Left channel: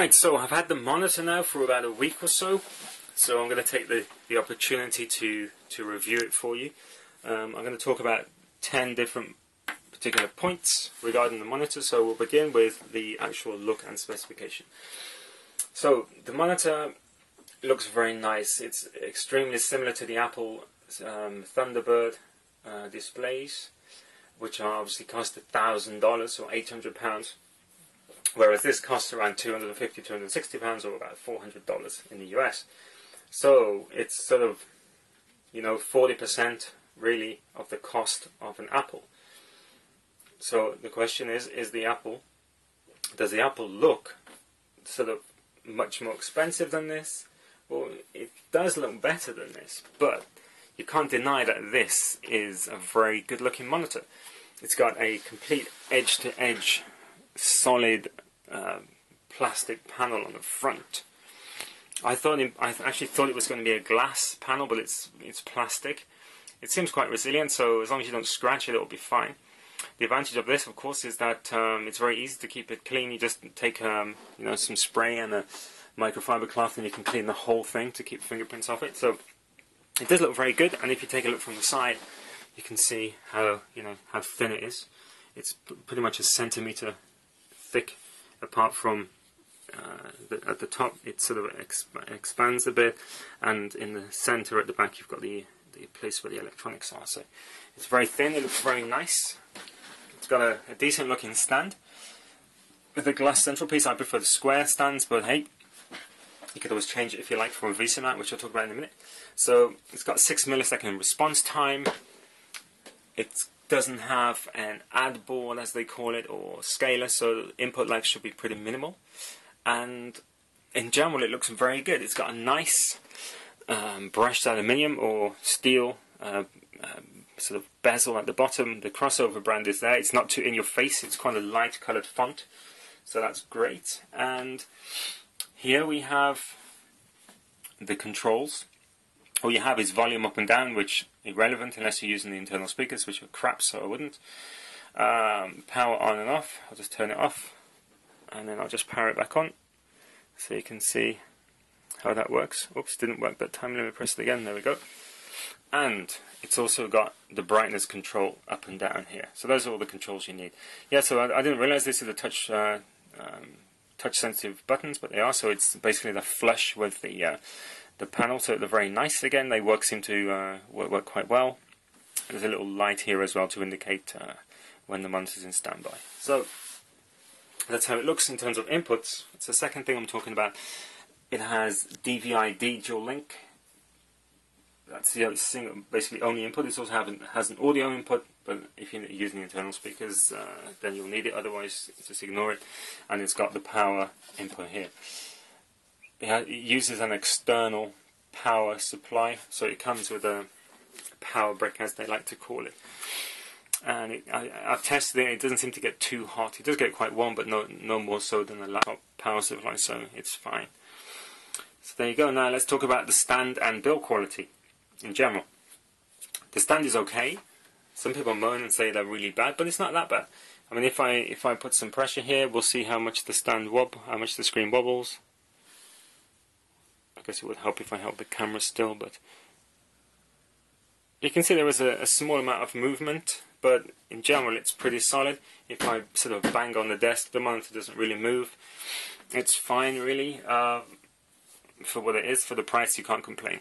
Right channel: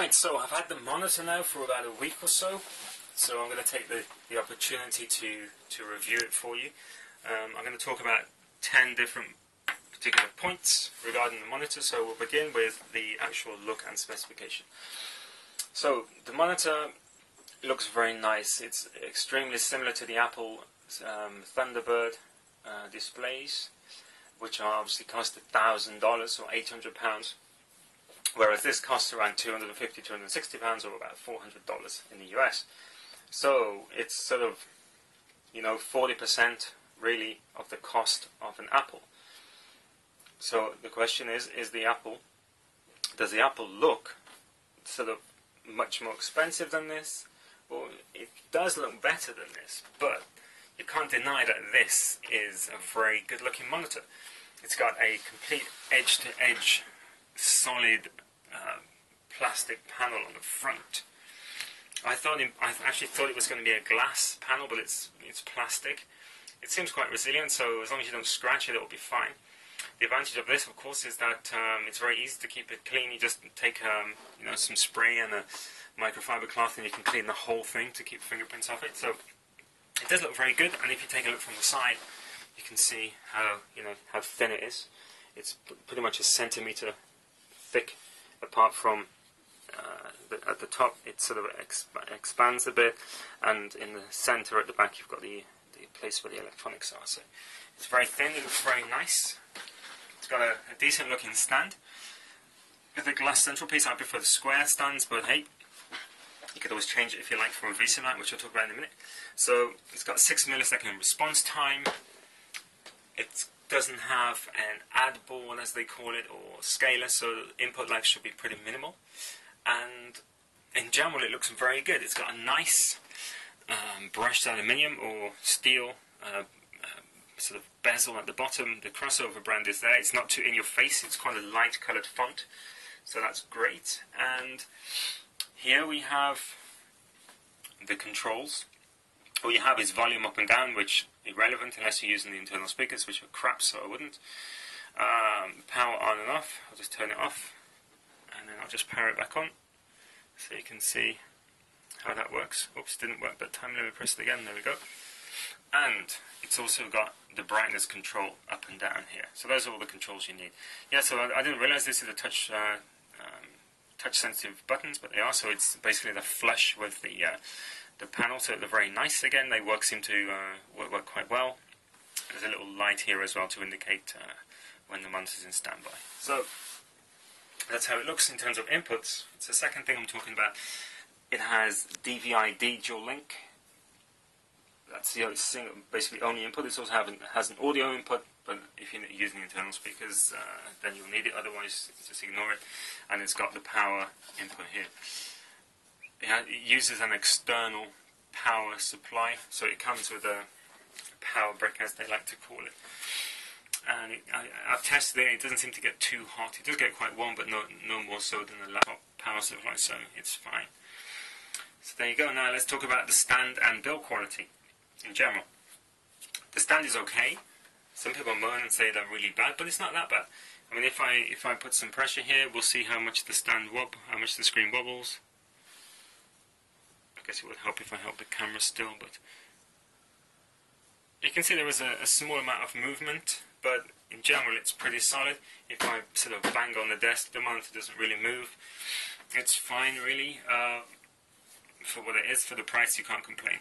Right, so I've had the monitor now for about a week or so, so I'm going to take the opportunity to review it for you. I'm going to talk about 10 different particular points regarding the monitor, so we'll begin with the actual look and specification. So the monitor looks very nice. It's extremely similar to the Apple Thunderbird displays, which are obviously cost $1,000 or £800. Whereas this costs around £250, £260 or about $400 in the US. So it's sort of, 40% really of the cost of an Apple. So the question is does the Apple look sort of much more expensive than this? Well, it does look better than this, but you can't deny that this is a very good looking monitor. It's got a complete edge-to-edge solid plastic panel on the front. I actually thought it was going to be a glass panel, but it's plastic. It seems quite resilient, so as long as you don't scratch it, it'll be fine. The advantage of this, of course, is that it's very easy to keep it clean. You just take some spray and a microfiber cloth, and you can clean the whole thing to keep fingerprints off it. So it does look very good. And if you take a look from the side, you can see how thin it is. It's pretty much a centimeter thick. Apart from at the top, it sort of expands a bit, and in the center at the back, you've got the place where the electronics are. So it's very thin. It looks very nice. It's got a decent looking stand with a glass central piece. I prefer the square stands, but hey, you could always change it if you like from a VESA mount, which I'll talk about in a minute. So it's got 6 millisecond response time. It doesn't have an add ball, as they call it, or scaler, so input lag should be pretty minimal. And in general, it looks very good. It's got a nice brushed aluminium or steel sort of bezel at the bottom. The crossover brand is there. It's not too in your face. It's quite a light coloured font, so that's great. And here we have the controls. All you have is volume up and down, which is irrelevant unless you're using the internal speakers, which are crap, so I wouldn't. Power on and off. I'll just turn it off, and then I'll just power it back on, so you can see how that works. Oops, didn't work that time. Let me press it again. There we go. And it's also got the brightness control up and down here. So those are all the controls you need. Yeah, so I didn't realize this is a touch sensitive buttons, but they are. So it's basically the flush with the panel, so they're very nice. Again, they seem to work quite well. There's a little light here as well to indicate when the monitor's in standby. So that's how it looks in terms of inputs. It's the second thing I'm talking about. It has DVI-D dual link. That's the other thing, basically only input. It also has an audio input, but if you're using the internal speakers, then you'll need it. Otherwise, just ignore it. And it's got the power input here. It uses an external power supply, so it comes with a power brick, as they like to call it. And I've tested it. It doesn't seem to get too hot. It does get quite warm, but no more so than a laptop power supply, so it's fine. So there you go. Now let's talk about the stand and build quality in general. The stand is okay. Some people moan and say they're really bad, but it's not that bad. I mean, if I put some pressure here, we'll see how much the screen wobbles. I guess it would help if I held the camera still, but you can see there is a small amount of movement, but in general it's pretty solid. If I sort of bang on the desk, the monitor doesn't really move. It's fine, really. For what it is, for the price, you can't complain.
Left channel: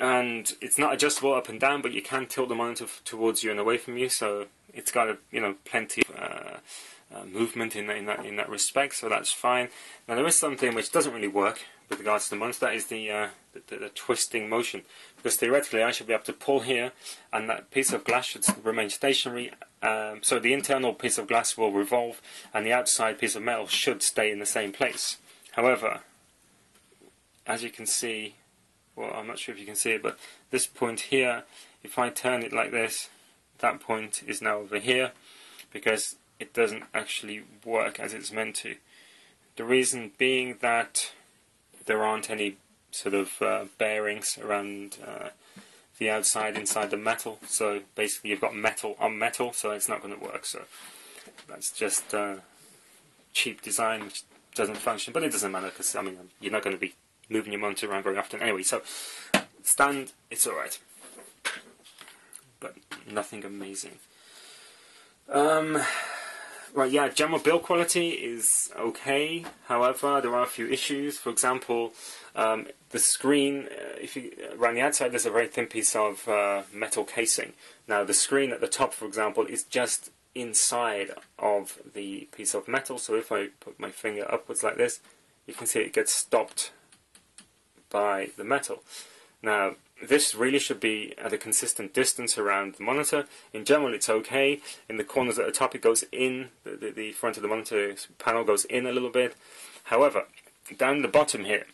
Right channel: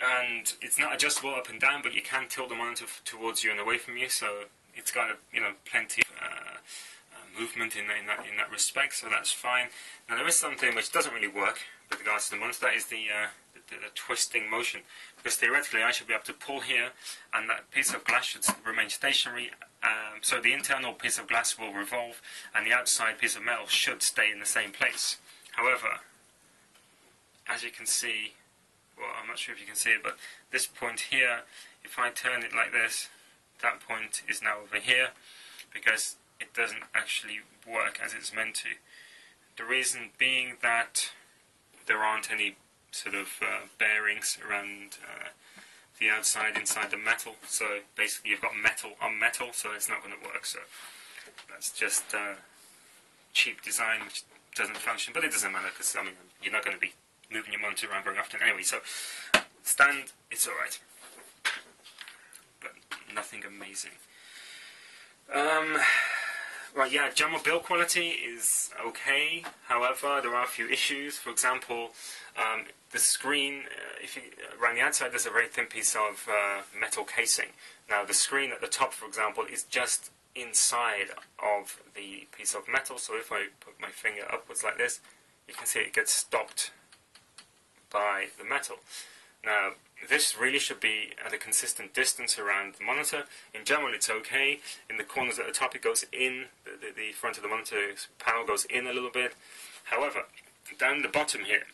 And it's not adjustable up and down, but you can tilt the monitor towards you and away from you, so it's got plenty of movement in that respect, so that's fine. Now there is something which doesn't really work with regards to the monitor. That is the twisting motion, because theoretically I should be able to pull here, and that piece of glass should remain stationary. So the internal piece of glass will revolve, and the outside piece of metal should stay in the same place. However, as you can see, well, I'm not sure if you can see it, but this point here, if I turn it like this, that point is now over here, because it doesn't actually work as it's meant to. The reason being that there aren't any sort of bearings around the outside inside the metal, so basically you've got metal on metal, so it's not going to work. So that's just cheap design, which doesn't function, but it doesn't matter because I mean you're not going to be moving your monitor around very often anyway. So stand, it's alright, but nothing amazing. Right, yeah, general build quality is okay. However, there are a few issues. For example, the screen, around the outside there's a very thin piece of metal casing. Now the screen at the top, for example, is just inside of the piece of metal. So if I put my finger upwards like this, you can see it gets stopped by the metal. Now this really should be at a consistent distance around the monitor. In general it's okay. In the corners at the top it goes in, the front of the monitor panel goes in a little bit. However, down the bottom here,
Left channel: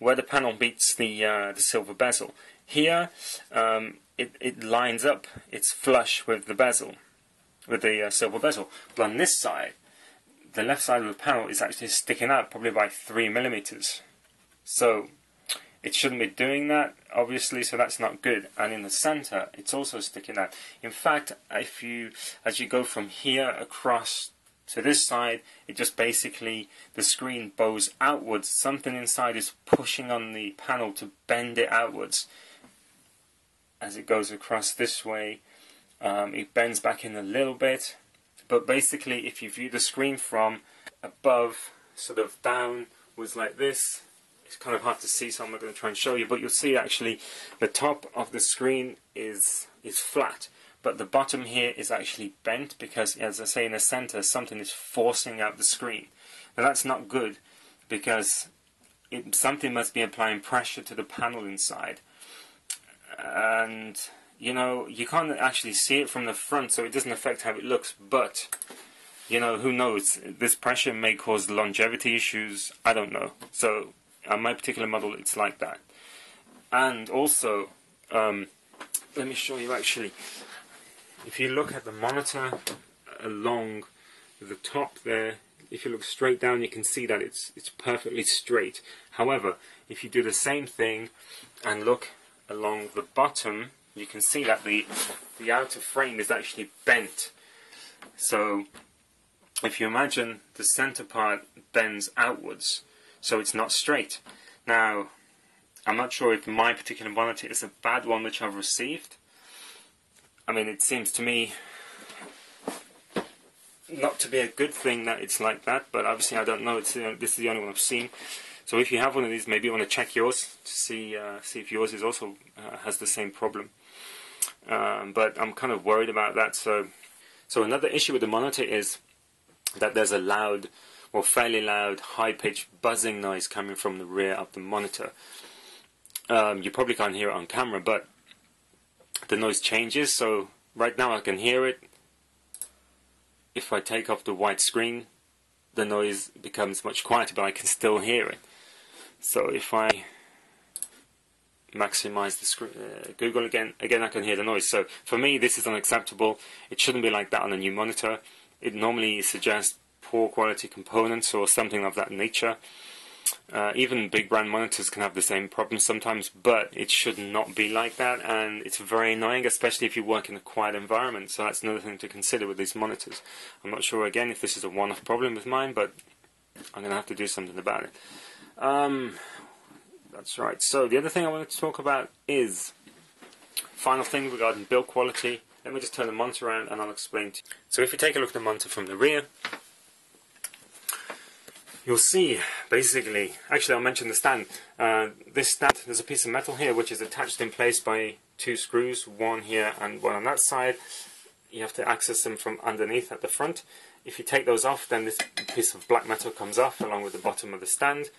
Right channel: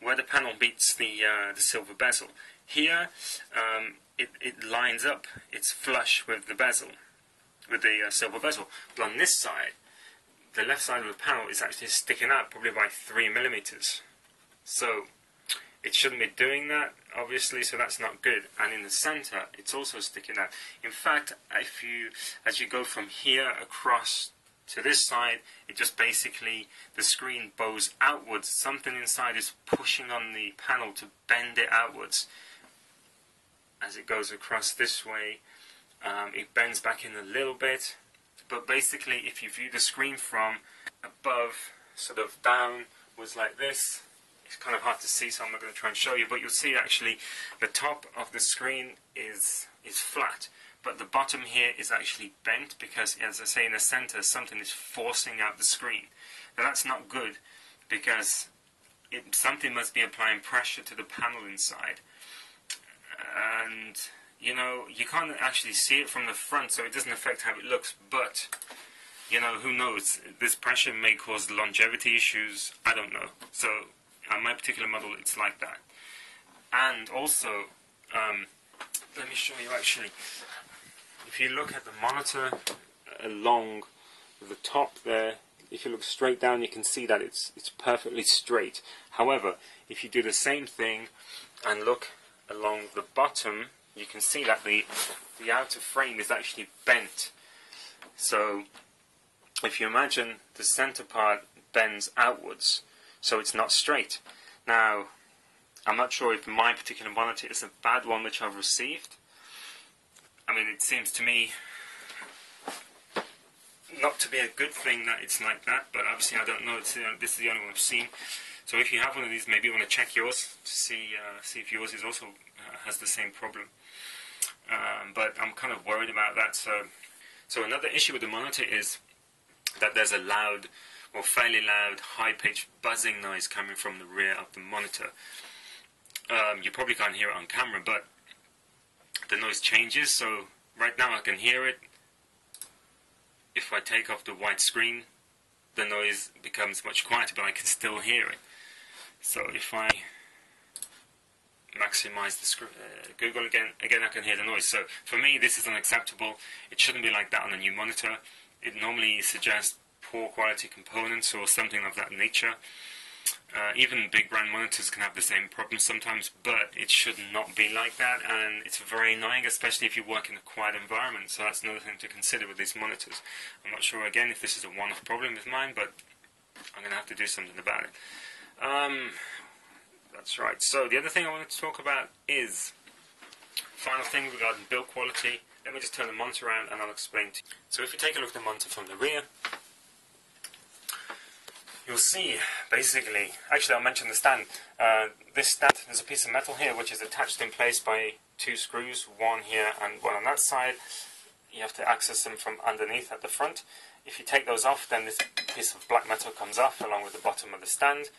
where the panel meets the silver bezel, here it lines up, it's flush with the bezel, with the silver bezel. But on this side, the left side of the panel is actually sticking out probably by 3 millimeters. So it shouldn't be doing that, obviously, so that's not good. And in the center, it's also sticking out. In fact, as you go from here across to this side, it just basically, the screen bows outwards. Something inside is pushing on the panel to bend it outwards. As it goes across this way, it bends back in a little bit. But basically, if you view the screen from above, sort of downwards like this, it's kind of hard to see, so I'm not going to try and show you, but you'll see actually the top of the screen is flat, but the bottom here is actually bent because, as I say, in the center something is forcing out the screen. And that's not good because something must be applying pressure to the panel inside. And you know, you can't actually see it from the front, so it doesn't affect how it looks, but you know, who knows, this pressure may cause longevity issues, I don't know. So on my particular model it's like that. And also, let me show you actually, if you look at the monitor along the top there, if you look straight down you can see that it's perfectly straight. However, if you do the same thing and look along the bottom, you can see that the outer frame is actually bent. So if you imagine the center part bends outwards, so it's not straight. Now, I'm not sure if my particular monitor is a bad one which I've received. I mean, it seems to me not to be a good thing that it's like that, but obviously I don't know. This is the only one I've seen. So if you have one of these, maybe you want to check yours to see if yours is also has the same problem. But I'm kind of worried about that. So another issue with the monitor is that there's a loud, or fairly loud, high-pitched buzzing noise coming from the rear of the monitor. You probably can't hear it on camera, but the noise changes. So right now I can hear it. If I take off the white screen, the noise becomes much quieter, but I can still hear it. So if I maximize the screen, Google again I can hear the noise. So for me, this is unacceptable. It shouldn't be like that on a new monitor. It normally suggests poor quality components or something of that nature. Even big brand monitors can have the same problem sometimes, but it should not be like that, and it's very annoying, especially if you work in a quiet environment. So that's another thing to consider with these monitors. I'm not sure again if this is a one-off problem with mine, but I'm going to have to do something about it. That's right. So the other thing I wanted to talk about is, final thing regarding build quality. Let me just turn the monitor around and I'll explain to you. So if you take a look at the monitor from the rear, you'll see, basically, actually I'll mention the stand. This stand, there's a piece of metal here which is attached in place by 2 screws, one here and one on that side. You have to access them from underneath at the front. If you take those off, then this piece of black metal comes off along with the bottom of the stand.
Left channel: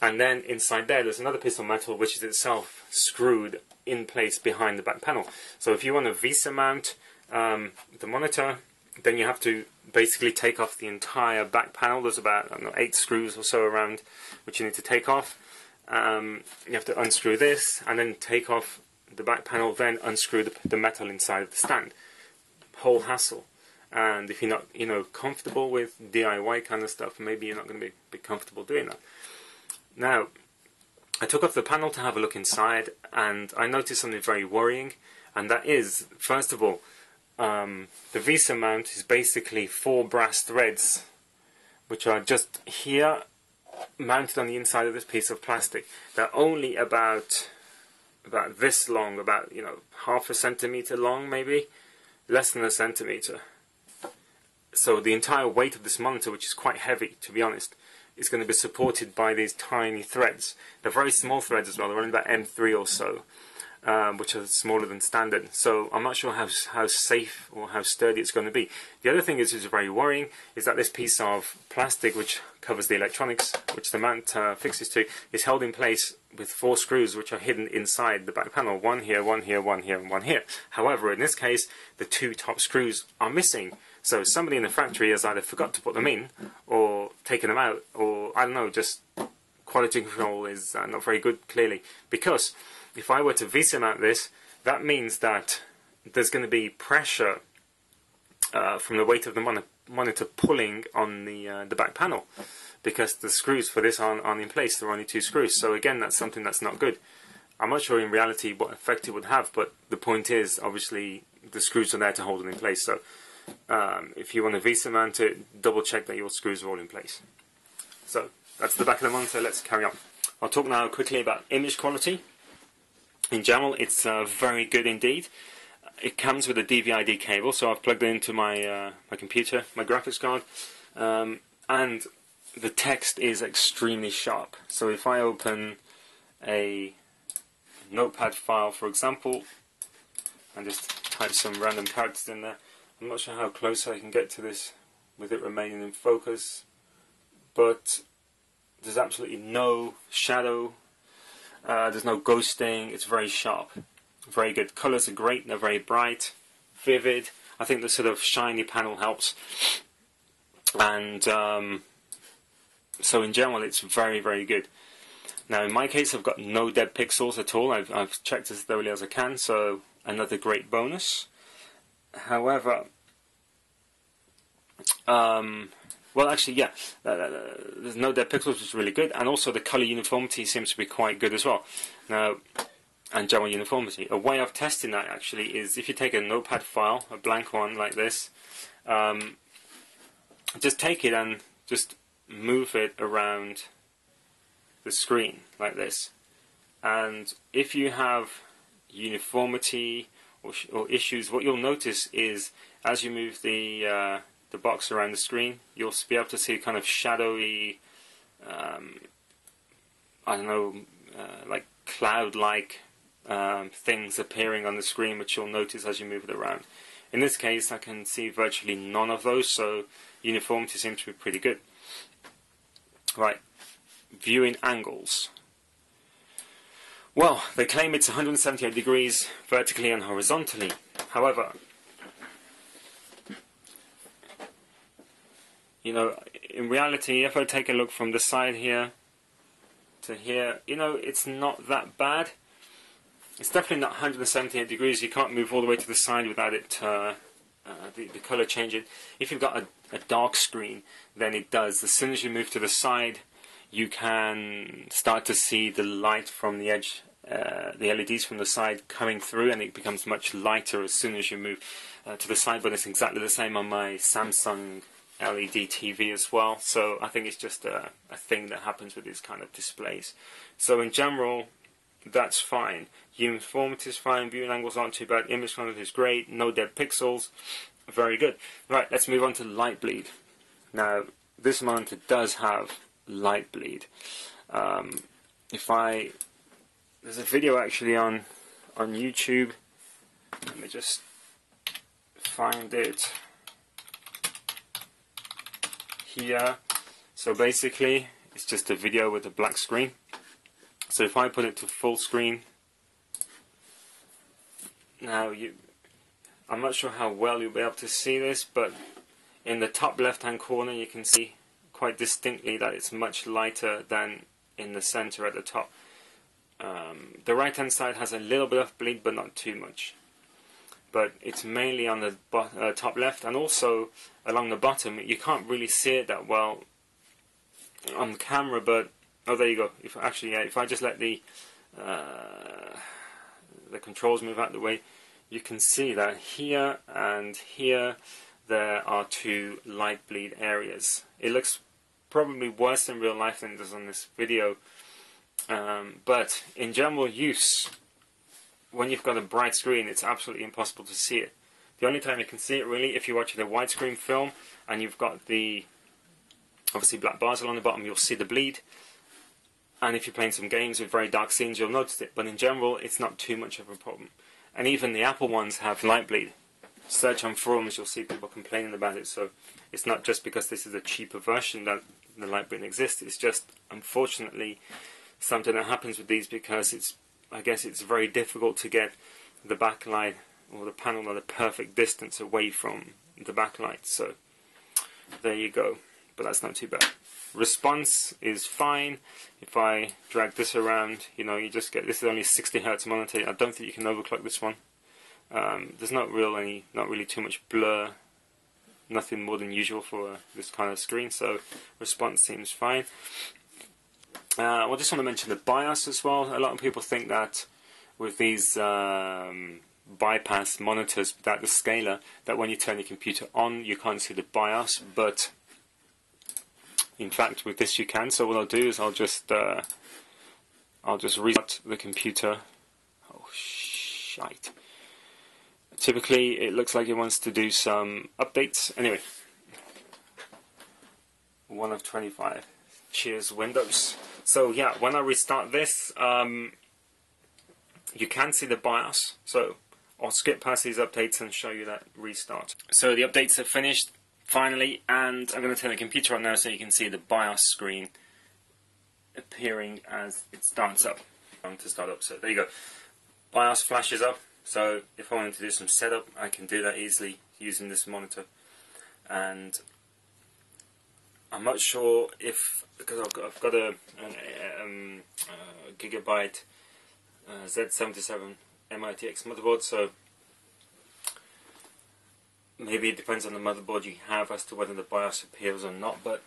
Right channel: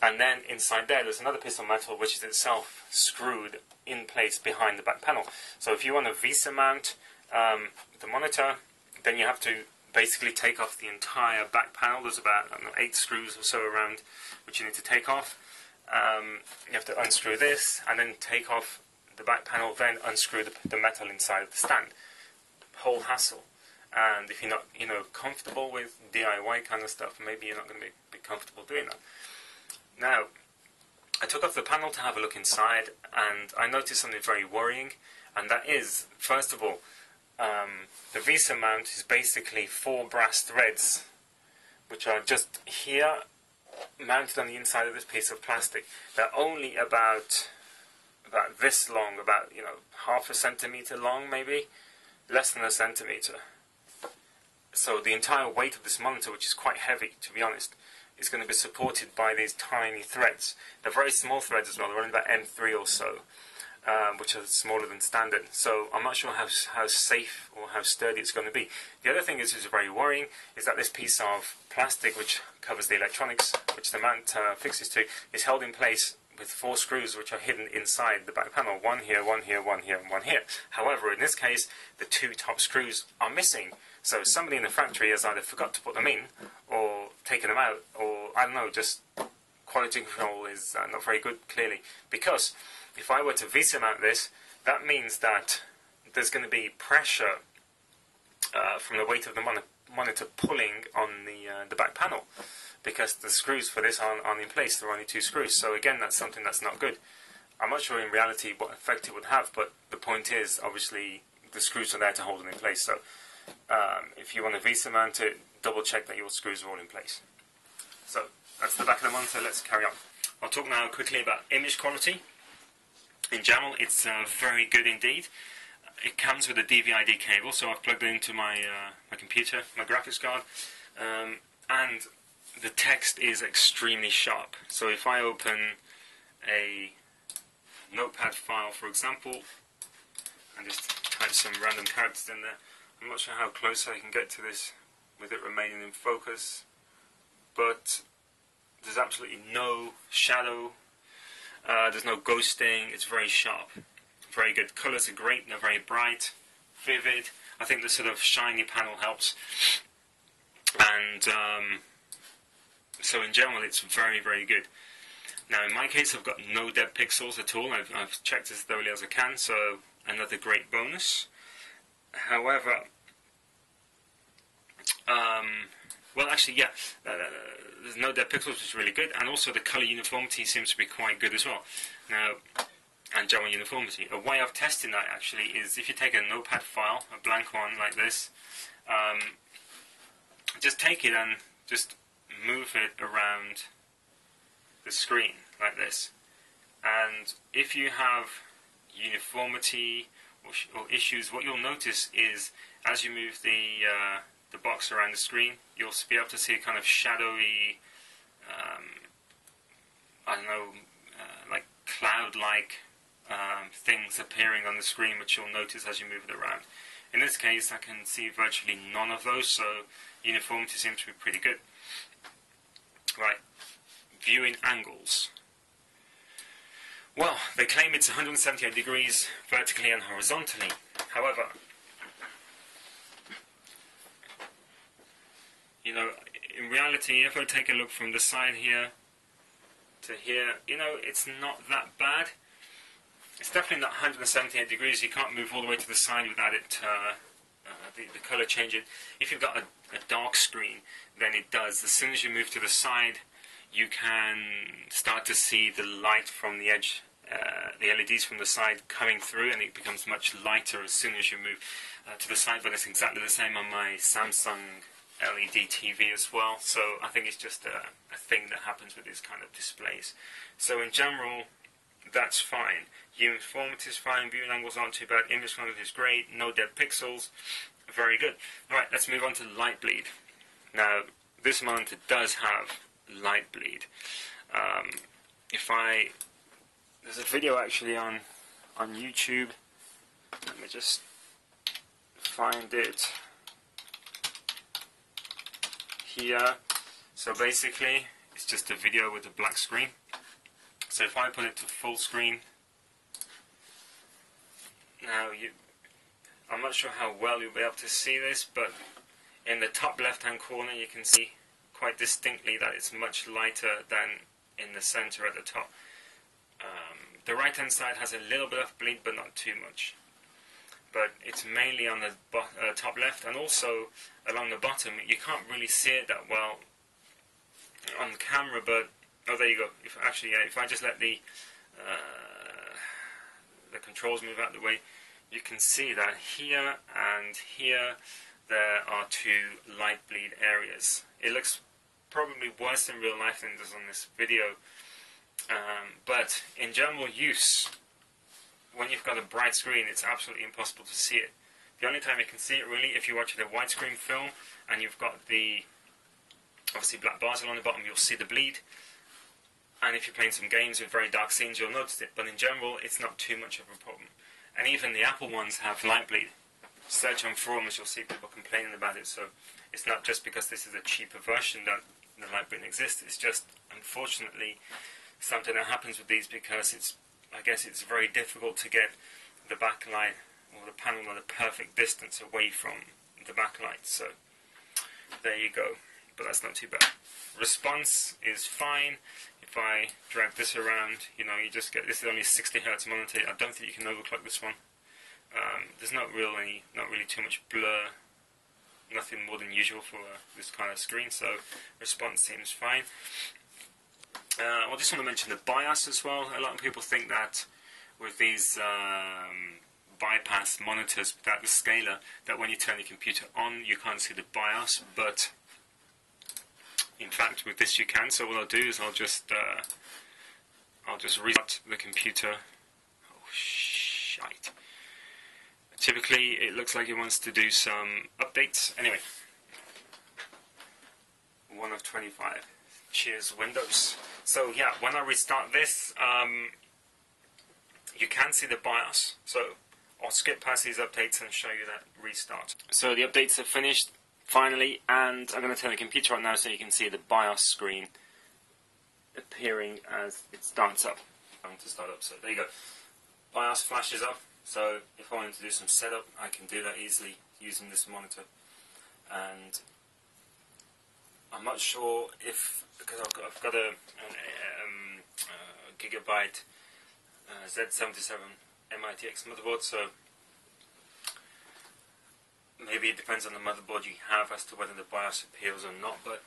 And then inside there's another piece of metal which is itself screwed in place behind the back panel. So if you want to VESA mount the monitor, then you have to basically take off the entire back panel. There's about, I don't know, 8 screws or so around which you need to take off. You have to unscrew this and then take off the back panel, then unscrew the metal inside of the stand. Whole hassle. And if you're not, comfortable with DIY kind of stuff, maybe you're not going to be comfortable doing that. Now, I took off the panel to have a look inside, and I noticed something very worrying, and that is, first of all, the VESA mount is basically 4 brass threads which are just here, mounted on the inside of this piece of plastic. They're only about this long, about, you know, half a centimeter long, maybe less than a centimeter. So the entire weight of this monitor, which is quite heavy, to be honest, is going to be supported by these tiny threads. They're very small threads as well. They're only about M3 or so, which are smaller than standard. So I'm not sure how safe or how sturdy it's going to be. The other thing is very worrying is that this piece of plastic, which covers the electronics, which the mount fixes to, is held in place with 4 screws which are hidden inside the back panel. One here, one here, one here, and one here. However, in this case, the 2 top screws are missing. So somebody in the factory has either forgot to put them in, or taken them out, or I don't know, just quality control is not very good, clearly. Because if I were to VESA mount this, that means that there's going to be pressure from the weight of the monitor pulling on the back panel, because the screws for this aren't in place. There are only 2 screws. So again, that's something that's not good. I'm not sure in reality what effect it would have, but the point is, obviously, the screws are there to hold it in place. So if you want to VESA mount it, double check that your screws are all in place. So that's the back of the monitor. Let's carry on. I'll talk now quickly about image quality. In general, it's very good indeed. It comes with a DVI-D cable, so I've plugged it into my my computer, my graphics card, and the text is extremely sharp. So if I open a notepad file, for example, and just type some random characters in there, I'm not sure how close I can get to this with it remaining in focus, but there's absolutely no shadow, there's no ghosting, it's very sharp, very good. Colours are great, they're very bright, vivid. I think the sort of shiny panel helps, and so in general it's very, very good. Now in my case I've got no dead pixels at all. I've checked as thoroughly as I can, so another great bonus. However, well actually yeah, there's no dead pixels, which is really good, and also the colour uniformity seems to be quite good as well. Now, and general uniformity. A way of testing that actually is if you take a notepad file, a blank one like this, just take it and just move it around the screen like this, and if you have uniformity or issues, what you'll notice is as you move the box around the screen, you'll be able to see kind of shadowy, I don't know, like cloud-like things appearing on the screen, which you'll notice as you move it around. In this case, I can see virtually none of those, so uniformity seems to be pretty good. Right, viewing angles. Well, they claim it's 178 degrees vertically and horizontally. However, you know, in reality, if I take a look from the side here to here, you know, it's not that bad. It's definitely not 178 degrees. You can't move all the way to the side without it, the colour changing. If you've got a dark screen, then it does. As soon as you move to the side, you can start to see the light from the edge, the LEDs from the side coming through, and it becomes much lighter as soon as you move to the side. But it's exactly the same on my Samsung LED TV as well. So I think it's just a thing that happens with these kind of displays. So in general, that's fine. Uniformity is fine, viewing angles aren't too bad, image quality is great, no dead pixels, very good. Right, let's move on to light bleed. Now, this monitor does have light bleed. There's a video actually on YouTube. Let me just find it here. So basically, it's just a video with a black screen. So if I put it to full screen, now I'm not sure how well you'll be able to see this, but in the top left hand corner you can see quite distinctly that it's much lighter than in the center at the top. The right hand side has a little bit of bleed, but not too much. But it's mainly on the top left, and also along the bottom. You can't really see it that well on camera, but oh, there you go. If I just let the controls move out of the way, you can see that here and here there are 2 light bleed areas. It looks probably worse in real life than it does on this video. But in general use, when you've got a bright screen, it's absolutely impossible to see it. The only time you can see it really if you're watching a widescreen film and you've got the obviously black bars along the bottom, you'll see the bleed. And if you're playing some games with very dark scenes, you'll notice it. But in general, it's not too much of a problem. And even the Apple ones have light bleed. Search on forums, you'll see people complaining about it. So it's not just because this is a cheaper version that the light bleed exists. It's just, unfortunately, something that happens with these because I guess it's very difficult to get the backlight or the panel at a perfect distance away from the backlight. So there you go. But that's not too bad. Response is fine. If I drag this around, you just get, this is only a 60 Hz monitor. I don't think you can overclock this one. There's not really too much blur, nothing more than usual for this kind of screen, so response seems fine. I just want to mention the BIOS as well. A lot of people think that with these bypass monitors without the scaler, that when you turn the computer on, you can't see the BIOS, but in fact with this you can. So what I'll do is I'll just restart the computer. Oh shite. Typically it looks like it wants to do some updates. Anyway, 1 of 25. Cheers Windows. So yeah, when I restart this, you can see the BIOS. So I'll skip past these updates and show you that restart. So the updates are finished finally, and I'm going to turn the computer on now so you can see the BIOS screen appearing as it starts up. Going to start up. So there you go. BIOS flashes up. So if I wanted to do some setup, I can do that easily using this monitor. And I'm not sure if, because I've got a Gigabyte Z77 MITX motherboard, so maybe it depends on the motherboard you have as to whether the BIOS appears or not, but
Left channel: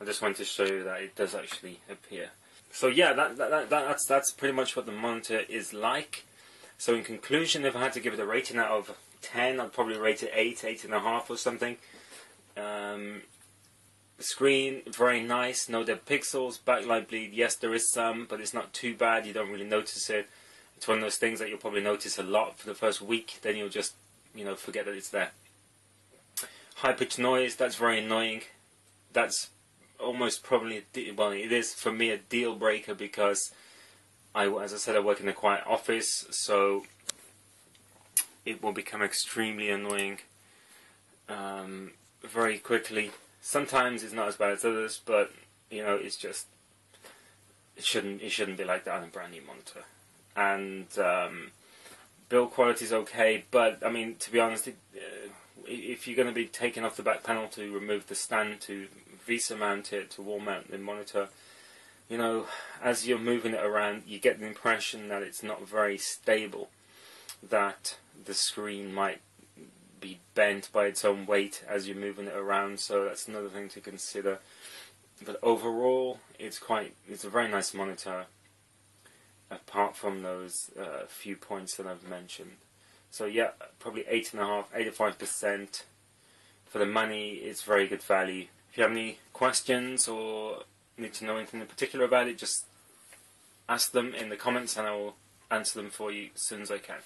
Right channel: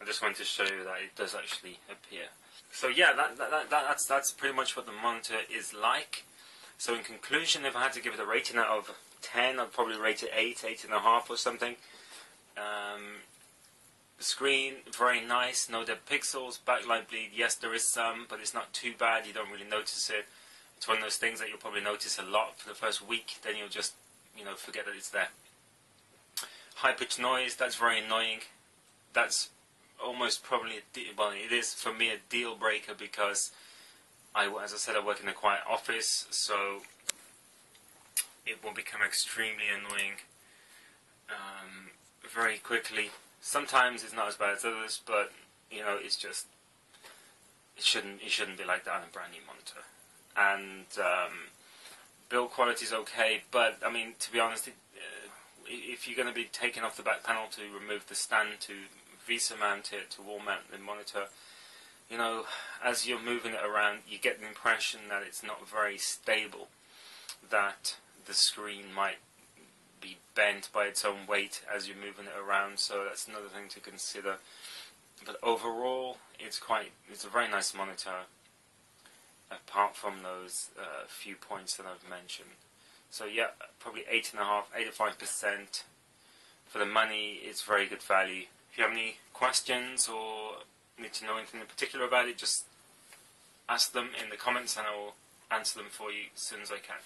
I just wanted to show you that it does actually appear. So yeah, that's pretty much what the monitor is like. So in conclusion, if I had to give it a rating out of 10, I'd probably rate it 8, 8.5 or something. The screen, very nice, no dead pixels. Backlight bleed, yes there is some, but it's not too bad, you don't really notice it. It's one of those things that you'll probably notice a lot for the first week, then you'll just, forget that it's there. High-pitched noise, that's very annoying. That's almost probably, well, it is for me a deal breaker because as I said, I work in a quiet office, so it will become extremely annoying very quickly. Sometimes it's not as bad as others, but it's just it shouldn't be like that on a brand new monitor. And build quality is okay, but I mean, to be honest, if you're going to be taking off the back panel to remove the stand to VESA mount it, to wall mount the monitor, as you're moving it around, you get the impression that it's not very stable, that the screen might be bent by its own weight as you're moving it around, so that's another thing to consider. But overall, it's a very nice monitor, apart from those few points that I've mentioned. So yeah, probably 8.5, 85%. For the money, it's very good value. If you have any questions or need to know anything in particular about it, just ask them in the comments and I will answer them for you as soon as I can.